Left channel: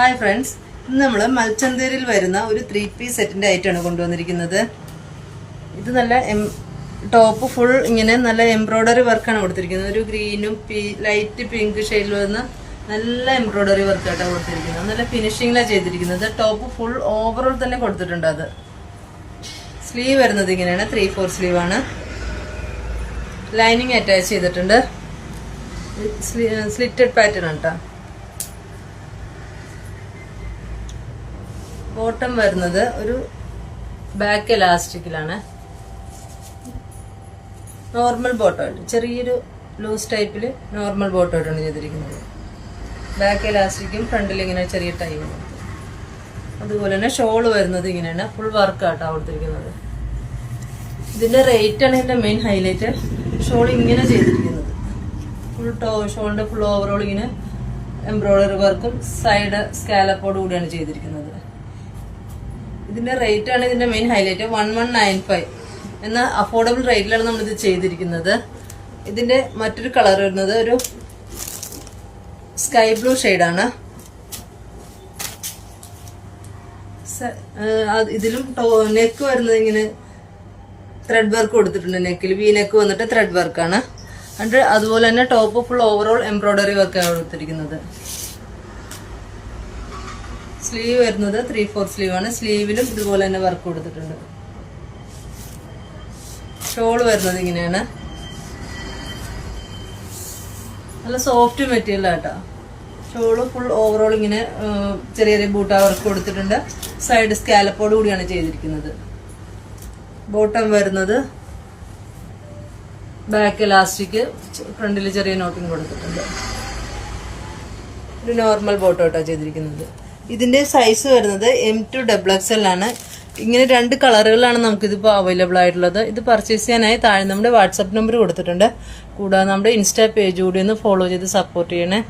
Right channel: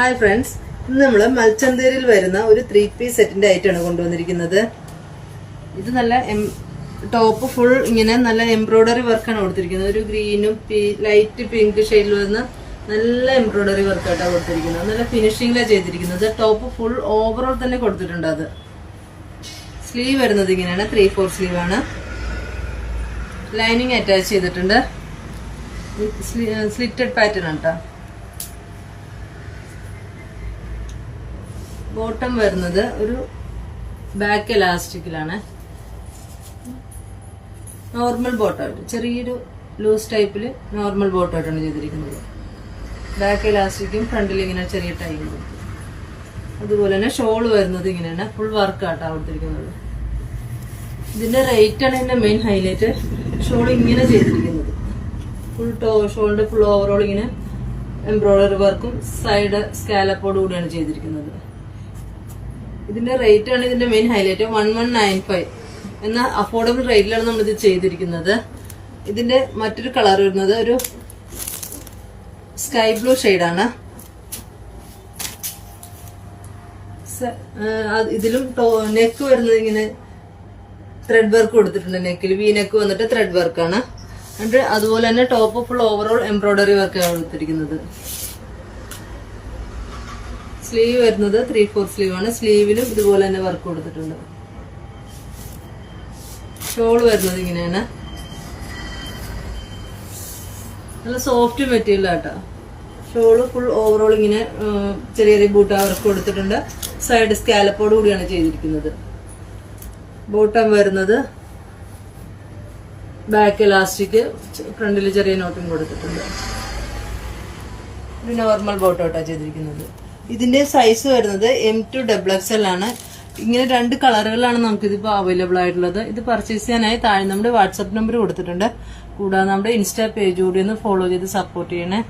Hi friends, ഇന്ന് നമ്മൾ മൽച്ചന്തേരിൽ വരുന്ന ഒരു 3-piece സെറ്റിന്റെ ആയിട്ടാണ് കൊണ്ടുവന്നിരിക്കുന്നത്. ഇത് നല്ല ടോപ്പ് ഫുൾ ഇങ്ങനെ നല്ല എംബ്രോയിഡറി വർക്കാണ് കൊടുത്തിരിക്കുന്നത്. ഒരു ഗ്രീനും ലൈറ്റ് പിങ്ക് ഷെയ്ഡിൽ വന്ന് നല്ല എംബ്രോയിഡറി വർക്കായിട്ടാണ് കൊടുത്തിരിക്കുന്നത്. നല്ല ഫിനിഷിംഗിലാണ് ചെയ്തിരിക്കുന്നത്. ടോപ്പ് ഫുൾ ഓവറോൾ തന്നെ കൊടുത്തിട്ടുണ്ട്. അത് സ്ലീവ് വരുന്നത് ഇങ്ങനെയാണ്, 3/4 സ്ലീവ് ആണ്. ലൈനിങ് അറ്റാച്ച് ചെയ്തിട്ടുണ്ട്. സ്ലിറ്റഡ് പാറ്റേൺ ആണ് കേട്ടോ. ബോട്ടം വരുന്നത് ഒരു ബാക്ക് എലാസ്റ്റിക്കിലാണ്. നോർമൽ ബോട്ടമായിട്ട് ചെറിയൊരു ലൂസ് ടൈപ്പിൽ നോർമൽ ബോട്ടമായിട്ടാണ് ചെയ്തിരിക്കുന്നത്. ബാക്ക് എലാസ്റ്റിക്കും ഫ്രണ്ടിൽ ഇങ്ങനെ ചെറിയ ടൈമുണ്ട്. അതുപോലെ തന്നെ ഷോള് വരുന്നത് ഇങ്ങനെയാണ്, ഫുൾ വർക്കാട്ടോ കൊടുത്തിരിക്കുന്നത്. ഇതിന്റെ റേറ്റ് ആണ് എന്റെ മെയിൻ ഹൈലൈറ്റ്. ഷോൾ ഇങ്ങനെ ചെയ്തിരിക്കുന്നത് ഫുൾ ഷോളിന്റെ ഫുൾ ഓവറോൾ ഇങ്ങനെ എംബ്രോയിഡറി വർക്കും സൈഡ് സ്കാലപ്പോട് കൂടിയാണ് ചെയ്തിരിക്കുന്നത്. ഇതിന്റെ റേറ്റ് ആണ് ഇതിന്റെ മെയിൻ ഹൈലൈറ്റ്. 1195 എന്ന അഫോർഡബിൾ റേറ്റിലാണ് നമ്മൾ ഇത് ചെയ്തിരിക്കുന്നത്. ഇതിന്റെ മറ്റൊരു കളർ വരുന്നത് ഒരു സ്കൈ ബ്ലൂ ഷെയ്ഡാണ്. ഇതിലും നെക്ക് വരുന്നത് ഇങ്ങനെ ത്രെഡ് വർക്ക് കൊടുത്തിട്ടുണ്ട്. നെക്കിൽ വി നെക്ക് വന്നിട്ട് ത്രെഡ് വർക്കാണ്. അതുപോലെ തന്നെ ടോപ്പ് ഫുൾ ഓവറോൾ എംബ്രോയിഡറി വർക്കാണ് കൊടുത്തിരിക്കുന്നത്. സ്ലീവ് വരുന്നത് 3/4 സ്ലീവ് ആണ്. സ്ലീവിലും ഇതുപോലെ തന്നെ വർക്ക് കൊടുത്തിട്ടുണ്ട്. ഷോള് വരുന്നത് ഇങ്ങനെയാണ്. നല്ല സോഫ്റ്റ് മെറ്റീരിയൽ ആട്ടോ. ഷോള് ഫുൾ ഓവറോൾ ഇങ്ങനെ ചെറിയ ചെറിയ ബൂട്ട വർക്ക് കൊടുത്തിട്ടുണ്ട്. സൈഡ് സ്കാലപ്പോട് കൂടിയാണ് ചെയ്തിരിക്കുന്നത്. ബോട്ടം വരുന്നത് ബാക്ക് എലാസ്റ്റിക്, ഫ്രണ്ടിൽ ചെറിയ നോട്ടിങ് കൊടുത്തിട്ടുണ്ട്. ഒരു നോർമൽ ബോട്ടോട്ടാണ് ചെയ്തിരിക്കുന്നത്. ഇതിന്റെ സൈസ് വരുന്നത് M2 XXL ആണ്. ഇങ്ങനെ 2 കളറുകളാണ് നമുക്കിതിപ്പോൾ അവൈലബിൾ ആയിട്ടുള്ളത്. ഇത് പർച്ചേസ് ചെയ്യാനായി താഴെ നമ്മുടെ വാട്സാപ്പ് നമ്പർ കൊടുത്തിട്ടുണ്ട്. കൂടാതെ നമ്മുടെ ഇൻസ്റ്റാ പേജ് കൂടി ഒന്ന് ഫോളോ ചെയ്ത് സപ്പോർട്ട് ചെയ്യണേ.